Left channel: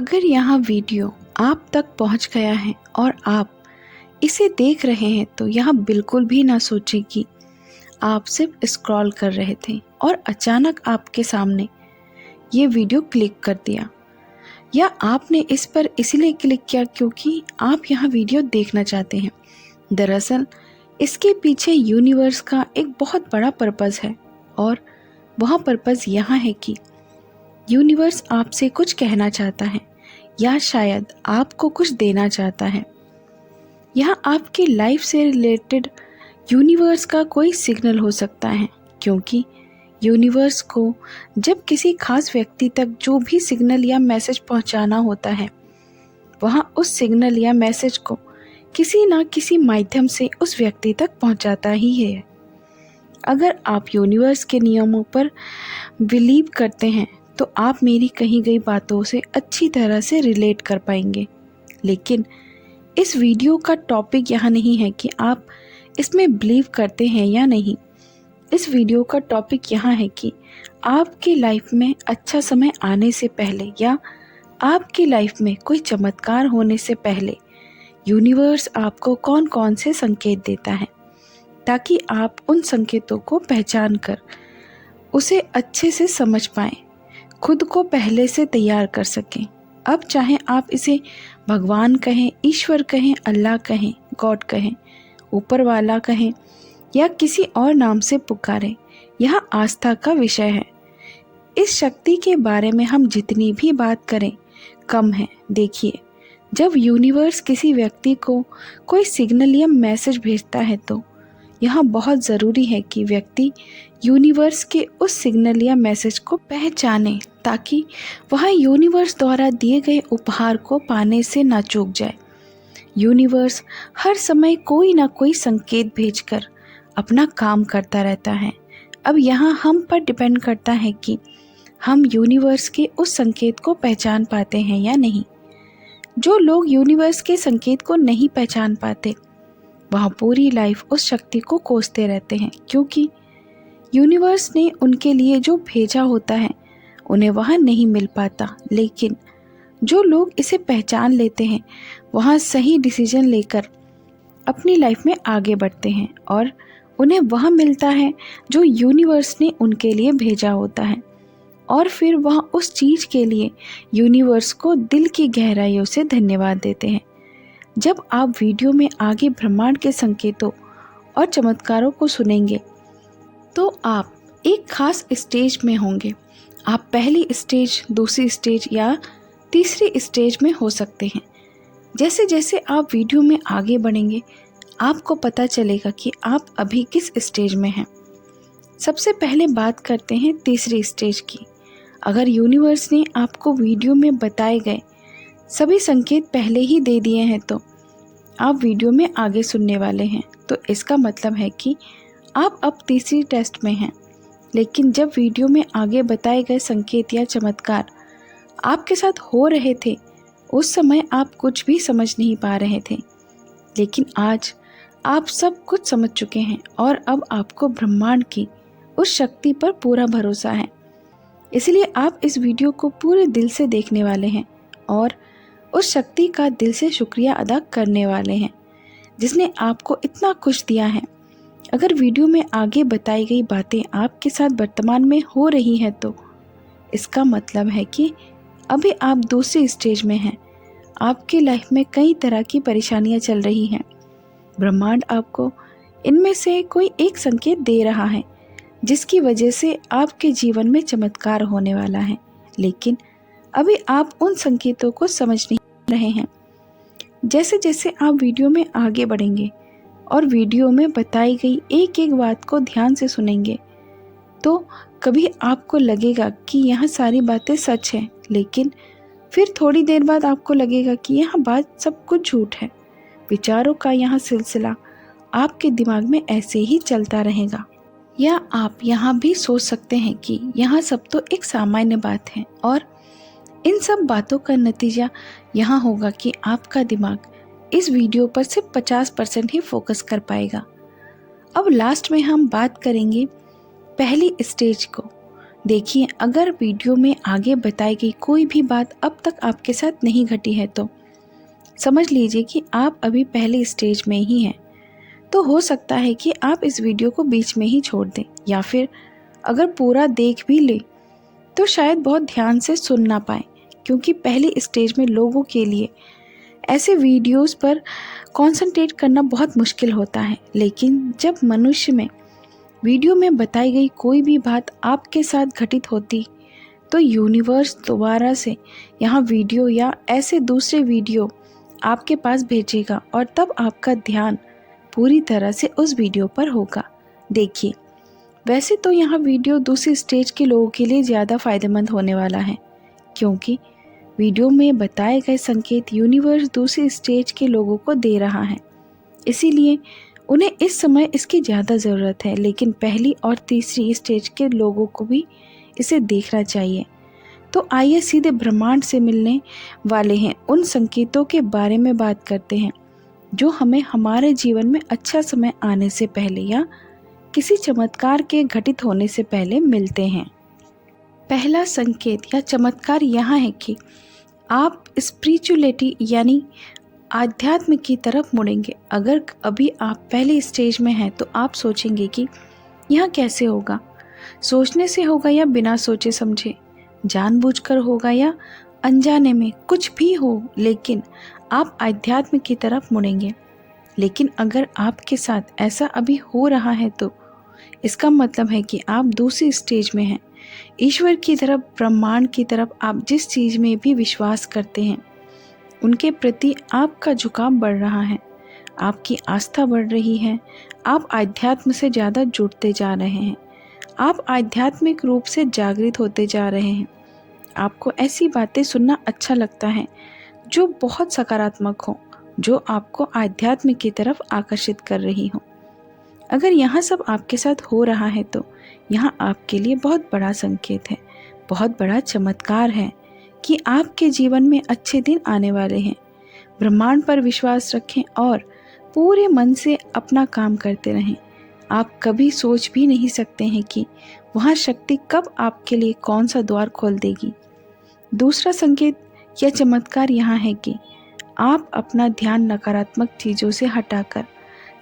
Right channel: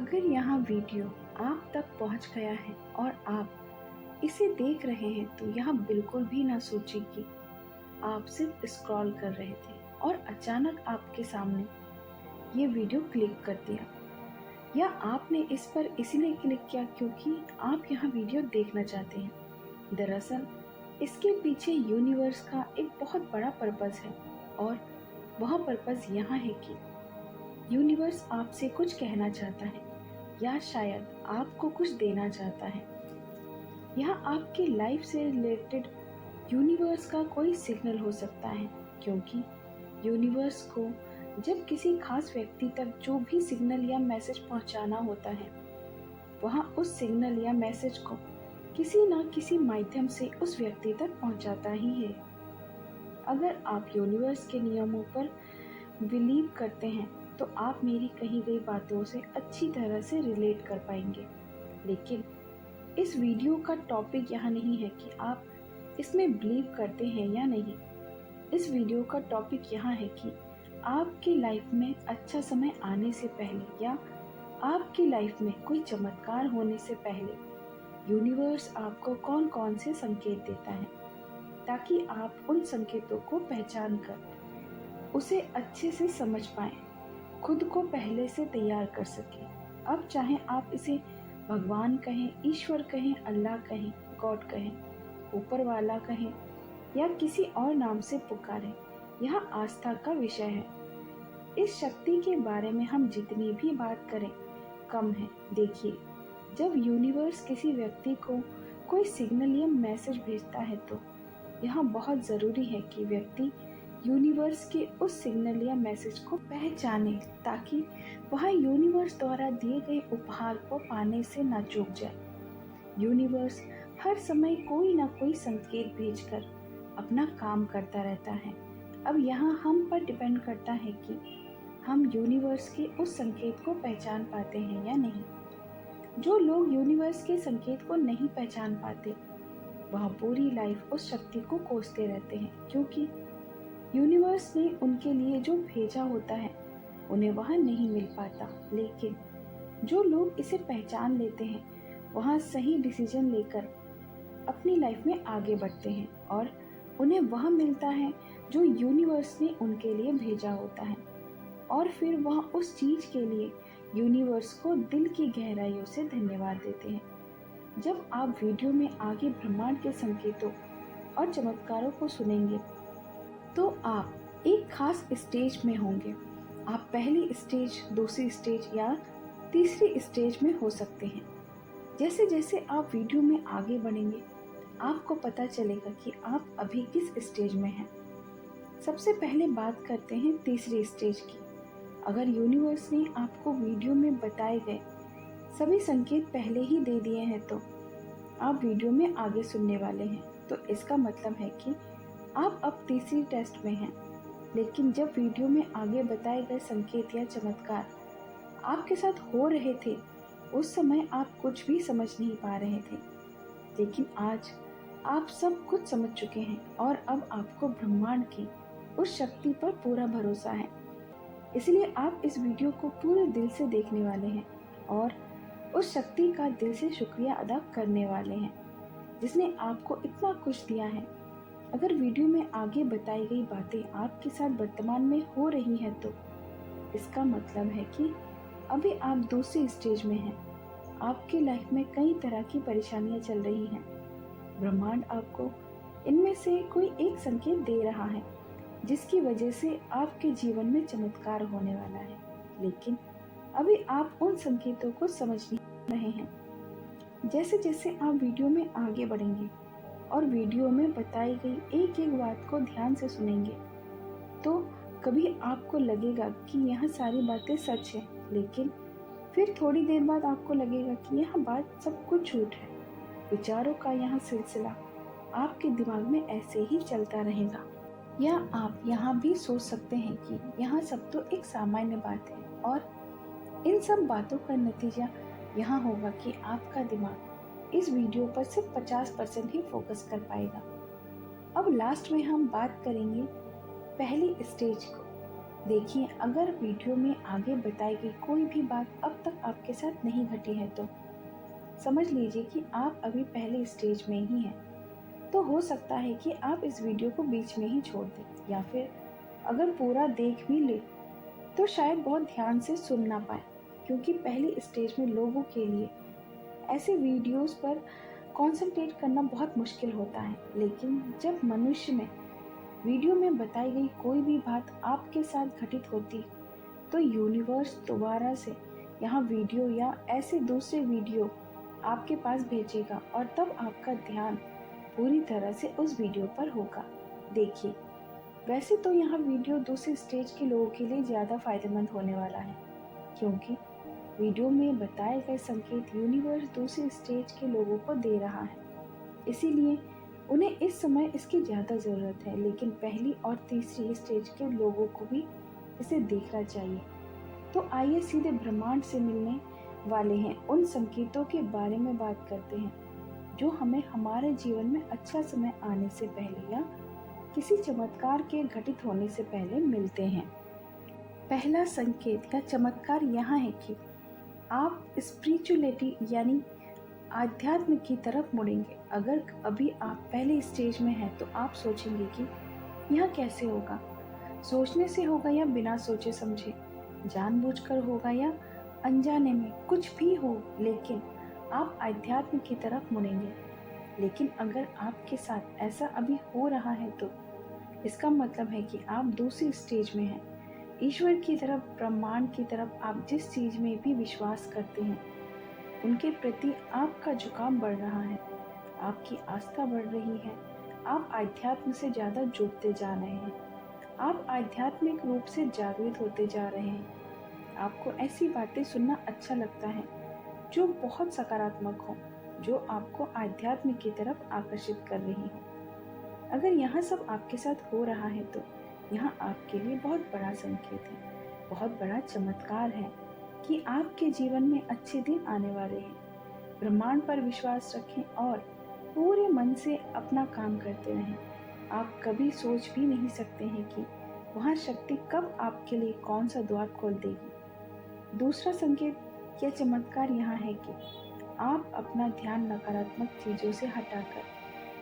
अगर यहाँ वीडियो आप तक पहुँच गया है और आप इसे देख रहे हैं तो यहाँ बिल्कुल भी ना सोचें कि आप सिर्फ स्क्रॉल कर रहे थे और अचानक आपके सामने ये वीडियो क्लिक कर दिया, या आपने इस पर इसलिए क्लिक किया क्योंकि आप यहाँ वीडियो देखना चाहते हैं। दरअसल इसके पीछे यूनिवर्स का एक बहुत बड़ा पर्पज़ है और वह पर्पज़ यहाँ है कि यूनिवर्स आपसे कुछ कहना चाहता है या शायद आपको कुछ देना चाहता है। यहाँ आपकी लाइफ से रिलेटेड यूनिवर्स का कोई सिग्नल हो सकता है, क्योंकि यूनिवर्स को जब किसी खास व्यक्ति तक जो भी सिग्नल या मैसेज पहुँचाना होता है, वहाँ उस सिग्नल या मैसेज को किसी न किसी माध्यम से उस व्यक्ति तक पहुँचाता ही है। अगर आप यूनिवर्स के नियमों पर बिलीव करते हैं तो आप मेरी कही गई बातों से अच्छी तरह से रिलेट कर पाएंगे। लेकिन इस वीडियो का टॉपिक यहाँ नहीं है कि आप इसमें बिलीव करते हैं या नहीं। इस वीडियो का टॉपिक यहाँ है कि आपकी लाइफ में अच्छा समय आने से पहले या आपकी लाइफ में कोई चमत्कार होने से पहले यूनिवर्स आपको कौन कौन से संकेत देता है, ताकि आप उन संकेतों को पहचान कर उसे अच्छे से समझ पाएं, खुद को पहले से तैयार कर सकें। अब चाहे आप इसे भगवान कहें, ईश्वर कहें, अल्लाह कहें, गॉड कहें, ऊपर वाला कहें या किसी और नाम से पुकारें, यह आस्था का विषय है। इस शक्ति के बारे में हम जितनी भी बात करें कम है। देखिए, जब यूनिवर्स किसी व्यक्ति को कोई सिग्नल या मैसेज भेजता है तो यह बहुत ज़रूरी है कि व्यक्ति यूनिवर्स के उस सिग्नल या मैसेज को पहचाने, ताकि वह यूनिवर्स द्वारा दिए गए उपहार को पाने से ना चूक जाए। यूनिवर्स हर समय कोई ना कोई संकेत भेजकर अपना काम करता रहता है। अब यहाँ हम पर डिपेंड करता है कि हम यूनिवर्स के उस संकेत को पहचान पाते हैं या नहीं। जो लोग यूनिवर्स के संकेत को नहीं पहचान पाते वह पूरी लाइफ उस शक्ति को कोसते रहते हैं, क्योंकि यूनिवर्स ने उनके लिए जो भेजा होता है उन्हें वह नहीं मिल पाता। लेकिन जो लोग इसे पहचान लेते हैं वह सही डिसीजन लेकर अपनी लाइफ में आगे बढ़ते हैं और उन्हें वह मिलता है जो यूनिवर्स ने उनके लिए भेजा होता है, और फिर वह उस चीज़ के लिए यूनिवर्स को दिल की गहराइयों से धन्यवाद देते हैं। जब आप वीडियो में आगे ब्रह्मांड के संकेतों और चमत्कारों को सुनेंगे तो आप एक खास स्टेज में होंगे। आप पहली स्टेज, दूसरी स्टेज या तीसरी स्टेज में हो सकते हैं। जैसे जैसे आप वीडियो में आगे बढ़ेंगे आपको पता चलेगा कि आप अभी किस स्टेज में हैं। सबसे पहले बात करते हैं तीसरी स्टेज की। अगर यूनिवर्स ने आपको वीडियो में बताए गए सभी संकेत पहले ही दे दिए हैं तो आप वीडियो में आगे सुनने वाले हैं, तो इसका मतलब है कि आप अब तीसरी टेस्ट में हैं। लेकिन जब वीडियो में आगे बताए गए संकेत या चमत्कार आपके साथ हो रहे थे उस समय आप कुछ भी समझ नहीं पा रहे थे। लेकिन आज आप सब कुछ समझ चुके हैं और अब आपको ब्रह्मांड की उस शक्ति पर पूरा भरोसा है। इसलिए आप इस वीडियो को पूरे दिल से देखने वाले हैं और उस शक्ति का दिल से शुक्रिया अदा करने वाले हैं जिसने आपको इतना कुछ दिया है। अगर वीडियो में आगे बताई गई बातें आपके साथ वर्तमान में हो रही हैं तो इसका मतलब है कि अभी आप दूसरी स्टेज में हैं। आपकी लाइफ में कई तरह की परेशानियां चल रही हैं। ब्रह्मांड आपको इनमें से कोई एक संकेत दे रहा है जिसकी वजह से आपके जीवन में चमत्कार होने वाला है, लेकिन अभी आप उन संकेतों को समझ नहीं रहे हैं। जैसे जैसे आप वीडियो में आगे बढ़ेंगे और वीडियो में बताई गई एक एक बात को ध्यान से सुनेंगे तो कभी आपको लगेगा कि यह सारी बातें सच हैं, लेकिन फिर थोड़ी देर बाद आपको लगेगा कि यह बात सब कुछ झूठ है। विचारों का यह सिलसिला आपके दिमाग में ऐसे ही चलता रहेगा। या आप यहाँ भी सोच सकते हैं कि यह सब तो एक सामान्य बात है और इन सब बातों का नतीजा यहाँ होगा कि आपका दिमाग इस वीडियो पर सिर्फ 50% ही फोकस कर पाएगा। अब लास्ट में हम बात करेंगे पहली स्टेज को, देखिए, अगर वीडियो में आगे बताई गई कोई भी बात अब तक आपके साथ नहीं घटी है तो समझ लीजिए कि आप अभी पहले स्टेज में ही हैं। तो हो सकता है कि आप इस वीडियो को बीच में ही छोड़ दें, या फिर अगर पूरा देख भी ले तो शायद बहुत ध्यान से सुन ना पाए, क्योंकि पहली स्टेज में लोगों के लिए ऐसे वीडियोस पर कंसंट्रेट करना बहुत मुश्किल होता है। लेकिन जब मनुष्य में वीडियो में बताई गई कोई भी बात आपके साथ घटित होती तो यूनिवर्स दोबारा से यहाँ वीडियो या ऐसे दूसरे वीडियो आपके पास भेजेगा, और तब आपका ध्यान पूरी तरह से उस वीडियो पर होगा। देखिए, वैसे तो यहाँ वीडियो दूसरी स्टेज के लोगों के लिए ज़्यादा फायदेमंद होने वाला है, क्योंकि वीडियो में बताए गए संकेत यूनिवर्स दूसरी स्टेज के लोगों को दे रहा है, इसीलिए उन्हें इस समय इसकी ज़्यादा ज़रूरत है। लेकिन पहली और तीसरी स्टेज के लोगों को भी इसे देखना चाहिए। तो आइए सीधे ब्रह्मांड से मिलने वाले हैं उन संकेतों के बारे में बात करते हैं जो हमें हमारे जीवन में अच्छा समय आने से पहले या किसी चमत्कार के घटित होने से पहले मिलते हैं। पहला संकेत या चमत्कार यहाँ है कि आप स्पिरिचुअलिटी यानी आध्यात्म की तरफ मुड़ेंगे। अगर अभी आप पहले स्टेज में हैं तो आप सोचेंगे कि यह कैसे होगा, सोचने से होगा या बिना सोचे समझे, जानबूझकर होगा या अनजाने में, कुछ भी हो, लेकिन आप आध्यात्म की तरफ मुड़ेंगे। लेकिन अगर आपके साथ ऐसा अभी हो रहा है तो इसका मतलब है कि आप दूसरी स्टेज में हैं। ईश्वर की तरफ, ब्रह्मांड की तरफ, आप जिस चीज़ में भी विश्वास करते हैं उनके प्रति आपका झुकाव बढ़ रहा है, आपकी आस्था बढ़ रही है, आप आध्यात्म से ज़्यादा जुड़ते जा रहे हैं, आप आध्यात्मिक रूप से जागृत होते जा रहे हैं। आपको ऐसी बातें सुनना अच्छा लगता है जो बहुत सकारात्मक हो, जो आपको आध्यात्म की तरफ आकर्षित कर रही हो। अगर यहाँ सब आपके साथ हो रहा है तो यहाँ आपके लिए बहुत बड़ा संकेत है, बहुत बड़ा चमत्कार है कि आपके जीवन में अच्छे दिन आने वाले हैं। ब्रह्मांड पर विश्वास रखें और पूरे मन से अपना काम करते रहें। आप कभी सोच भी नहीं सकते हैं कि वहाँ शक्ति कब आपके लिए कौन सा द्वार खोल देगी। दूसरा संकेत या चमत्कार यहाँ है कि आप अपना ध्यान नकारात्मक चीज़ों से हटाकर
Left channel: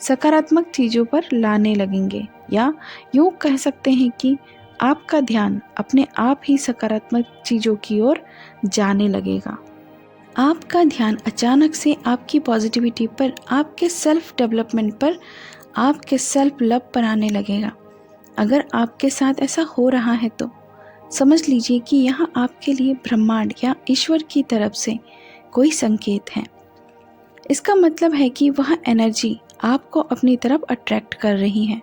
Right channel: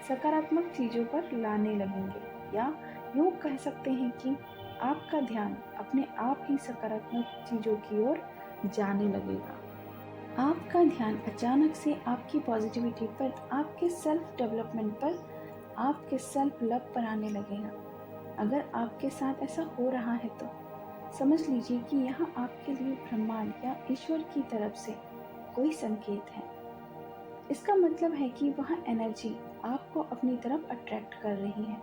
सकारात्मक चीज़ों पर लाने लगेंगे, या यूँ कह सकते हैं कि आपका ध्यान अपने आप ही सकारात्मक चीज़ों की ओर जाने लगेगा। आपका ध्यान अचानक से आपकी पॉजिटिविटी पर, आपके सेल्फ डेवलपमेंट पर, आपके सेल्फ लव पर आने लगेगा। अगर आपके साथ ऐसा हो रहा है तो समझ लीजिए कि यहाँ आपके लिए ब्रह्मांड या ईश्वर की तरफ से कोई संकेत है। इसका मतलब है कि वह एनर्जी आपको अपनी तरफ अट्रैक्ट कर रही है।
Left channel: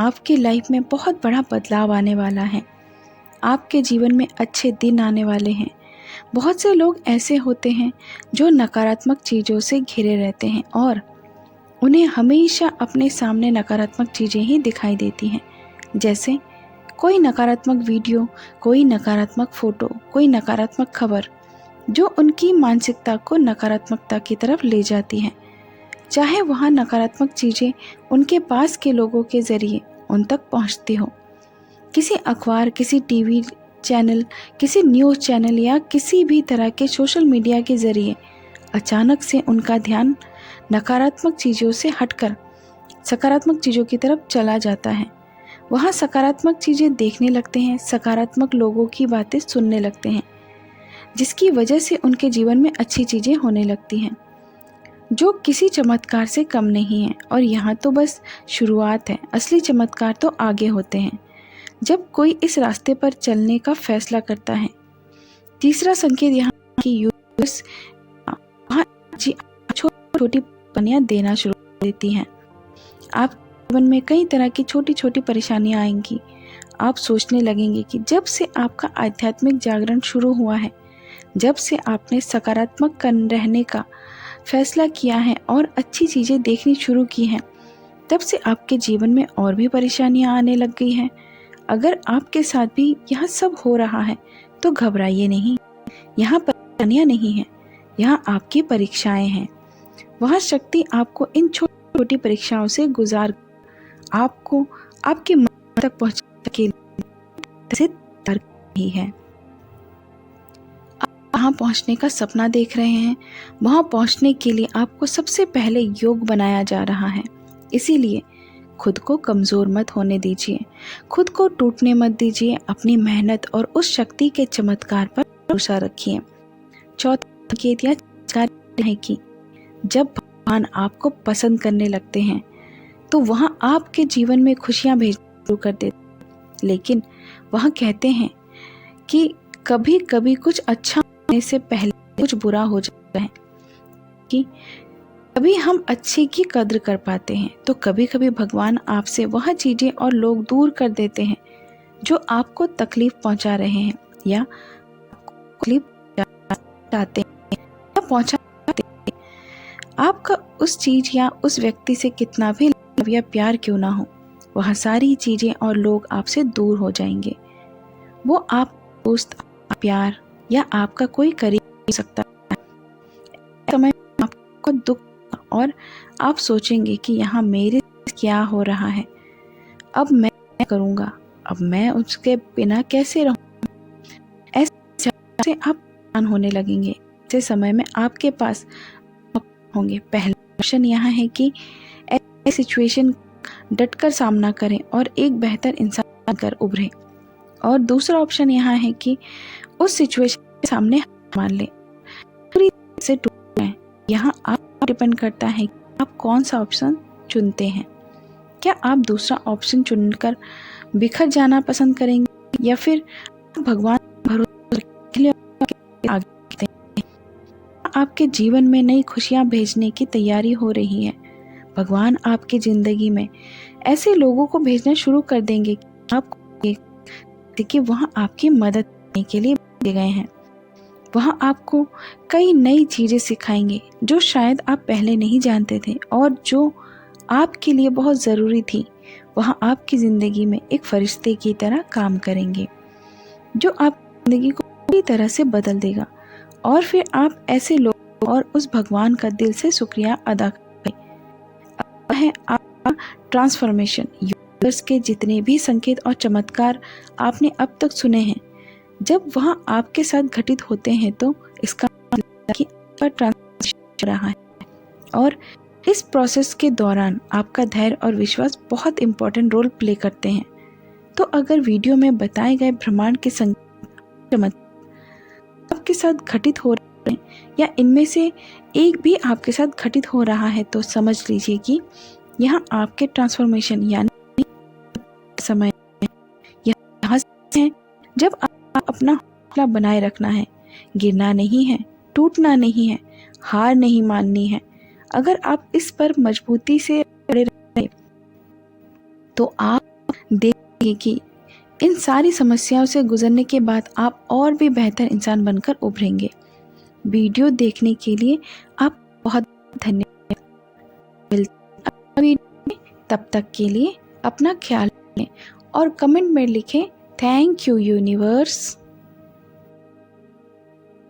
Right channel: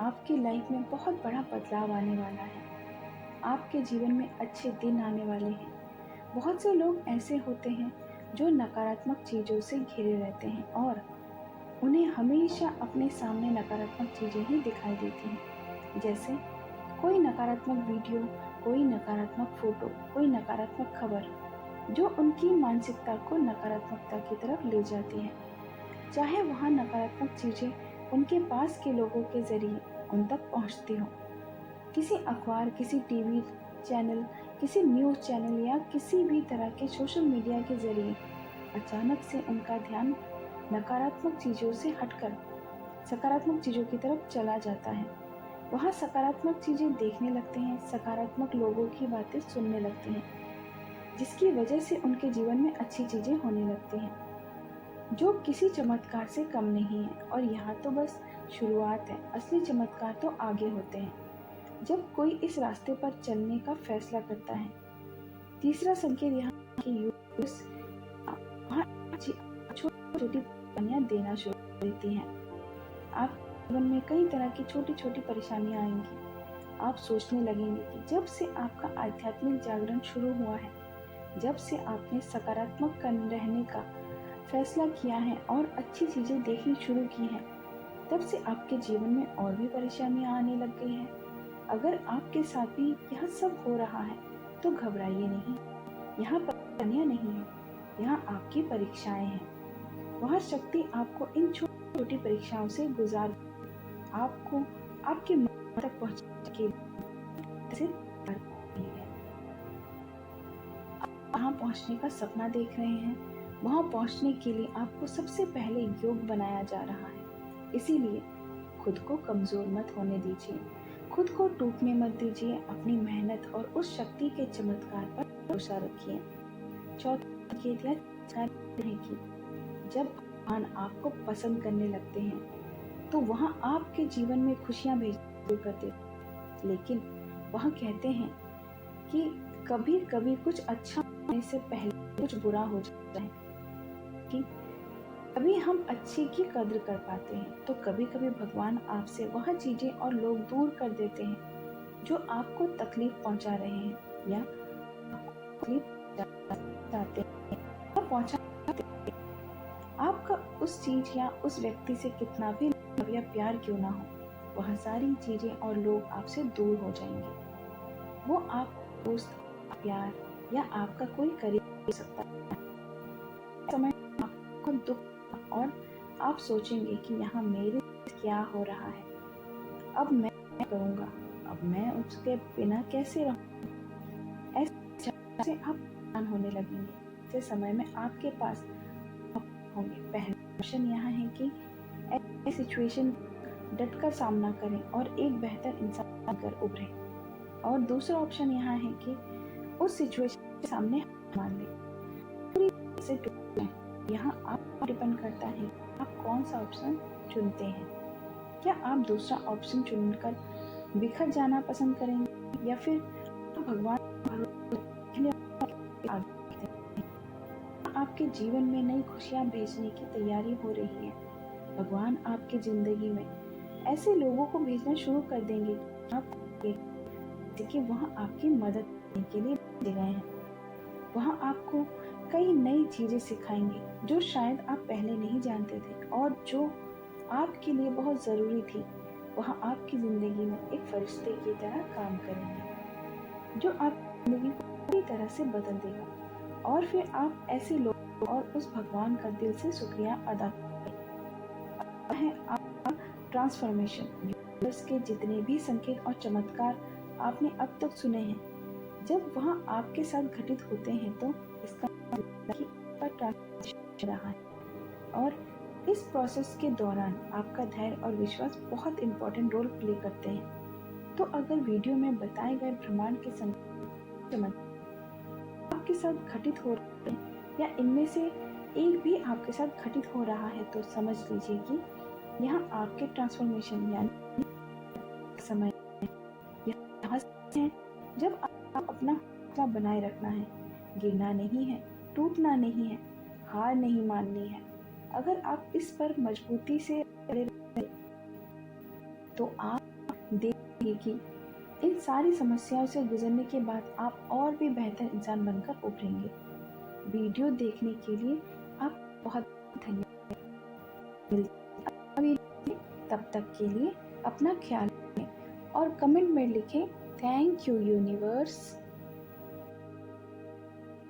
आपके लाइफ में बहुत बड़ा बदलाव आने वाला है, आपके जीवन में अच्छे दिन आने वाले हैं। बहुत से लोग ऐसे होते हैं जो नकारात्मक चीज़ों से घिरे रहते हैं और उन्हें हमेशा अपने सामने नकारात्मक चीज़ें ही दिखाई देती हैं, जैसे कोई नकारात्मक वीडियो, कोई नकारात्मक फ़ोटो, कोई नकारात्मक खबर, जो उनकी मानसिकता को नकारात्मकता की तरफ ले जाती है। चाहे वहाँ नकारात्मक चीज़ें उनके पास के लोगों के ज़रिए उन तक पहुँचती हो, किसी अखबार, किसी टीवी चैनल, किसी न्यूज़ चैनल या किसी भी तरह के सोशल मीडिया के ज़रिए अचानक से उनका ध्यान नकारात्मक चीज़ों से हटकर सकारात्मक चीज़ों की तरफ चला जाता है। वहाँ सकारात्मक चीज़ें देखने लगते हैं, सकारात्मक लोगों की बातें सुनने लगते हैं, जिसकी वजह से उनके जीवन में अच्छी चीज़ें होने लगती हैं, जो किसी चमत्कार से कम नहीं है। और यहाँ तो बस शुरुआत है, असली चमत्कार तो आगे होते हैं जब कोई इस रास्ते पर चलने का फैसला करता है। तीसरा संकेत यहाँ की यूनिवर्स वहाँ छोटी छोटी पनियाँ देना शुरू कर देती हैं। आप जीवन में कई तरह की छोटी छोटी परेशानियाँ आएंगी। आप सोचने लगेंगे कि जब से आपका आध्यात्मिक जागरण शुरू हुआ है, जब से आपने सकारात्मक रहने का फैसला किया है और अच्छी चीज़ें देखनी शुरू की हैं, तब से आपके जीवन में और भी परेशानियां आने लग गई हैं। अगर आपके साथ भी यह सब हो रहा है तो घबराइए नहीं, यहाँ परेशानियां नहीं हैं, यहाँ आपकी परीक्षाएं हैं। वह शक्ति आपको इन छोटी छोटी परीक्षाओं से गुजार आपको आपके मन तक पहुँचने के लिए रही है। आप वहाँ पहुँचने का सपना देख रहे हैं। वहाँ पहुँचने के लिए आपको सबसे पहले योग बनाया जा रहा है। इसीलिए खुद को कमज़ोर मत होने दीजिए, खुद को टूटने मत दीजिए। अपनी मेहनत और उस शक्ति के चमत्कार पर भरोसा रखिए। चौथा संकेत या कार्य है कि जब भगवान आपको पसंद करने लगते हैं तो वहाँ आपके जीवन में खुशियाँ भेजना शुरू कर देते। लेकिन वहाँ कहते हैं कि कभी कभी कुछ अच्छा होने से पहले कुछ बुरा हो जाता है, कि कभी हम अच्छे की कद्र कर पाते हैं तो कभी कभी भगवान आपसे वह चीज़ें और लोग दूर कर देते हैं जो आपको तकलीफ पहुंचा रहे हैं या तकलीफ चाहते हैं या पहुंचाते हैं। आपका उस चीज़ या उस व्यक्ति से कितना भी लव या प्यार क्यों ना हो, वह सारी चीज़ें और लोग आपसे दूर हो जाएंगे। वो आप दोस्त, प्यार या आपका कोई करीब हो सकता है। समय में आपको दुख और आप सोचेंगे कि यहाँ मेरे क्या हो रहा है, अब मैं क्या करूँगा, अब मैं उसके बिना कैसे रहूँ। ऐसे से आप परेशान होने लगेंगे। ऐसे समय में आपके पास होंगे। पहला ऑप्शन यहाँ है कि ऐसी सिचुएशन डटकर सामना करें और एक बेहतर इंसान बनकर उभरें। और दूसरा ऑप्शन यहाँ है कि उस सिचुएशन के सामने हार मान लें, पूरी तरह से टूट जाएं। यहाँ आप डिपेंड करता है कि आप कौन सा ऑप्शन चुनते हैं। क्या आप दूसरा ऑप्शन चुनकर बिखर जाना पसंद करेंगे या फिर भगवान भरोसा के लिए आगे बढ़ते हैं। आपके जीवन में नई खुशियां भेजने की तैयारी हो रही है। भगवान आपकी जिंदगी में ऐसे लोगों को भेजना शुरू कर देंगे कि आपको कि वहाँ आपकी मदद करने के लिए भेजे गए हैं। वहाँ आपको कई नई चीज़ें सिखाएंगे जो शायद आप पहले नहीं जानते थे और जो आपके लिए बहुत ज़रूरी थी। वहाँ आपकी ज़िंदगी में एक फरिश्ते की तरह काम करेंगे जो आपकी ज़िंदगी को पूरी तरह से बदल देगा। और फिर आप ऐसे लोग और उस भगवान का दिल से शुक्रिया अदा करें। है आपका ट्रांसफॉर्मेशन। यूनिवर्स के जितने भी संकेत और चमत्कार आपने अब तक सुने हैं, जब वहाँ आपके साथ घटित होते हैं तो इसका मतलब कि आपका ट्रांसफॉर्मेशन हो रहा है। और इस प्रोसेस के दौरान आपका धैर्य और विश्वास बहुत इंपॉर्टेंट रोल प्ले करते हैं। तो अगर वीडियो में बताए गए ब्रह्मांड के संकेत आपके साथ घटित हो रहे हैं या इनमें से एक भी आपके साथ घटित हो रहा है तो समझ लीजिए कि यहाँ आपके ट्रांसफॉर्मेशन यानी समय यहाँ है जब आप अपना हौसला बनाए रखना है। गिरना नहीं है, टूटना नहीं है, हार नहीं माननी है। अगर आप इस पर मजबूती से खड़े रहे तो आप देखेंगे कि इन सारी समस्याओं से गुजरने के बाद आप और भी बेहतर इंसान बनकर उभरेंगे। वीडियो देखने के लिए आप बहुत धन्यवाद। मिलते हैं तब तक के लिए अपना ख्याल रखें और कमेंट में लिखें थैंक यू यूनिवर्स।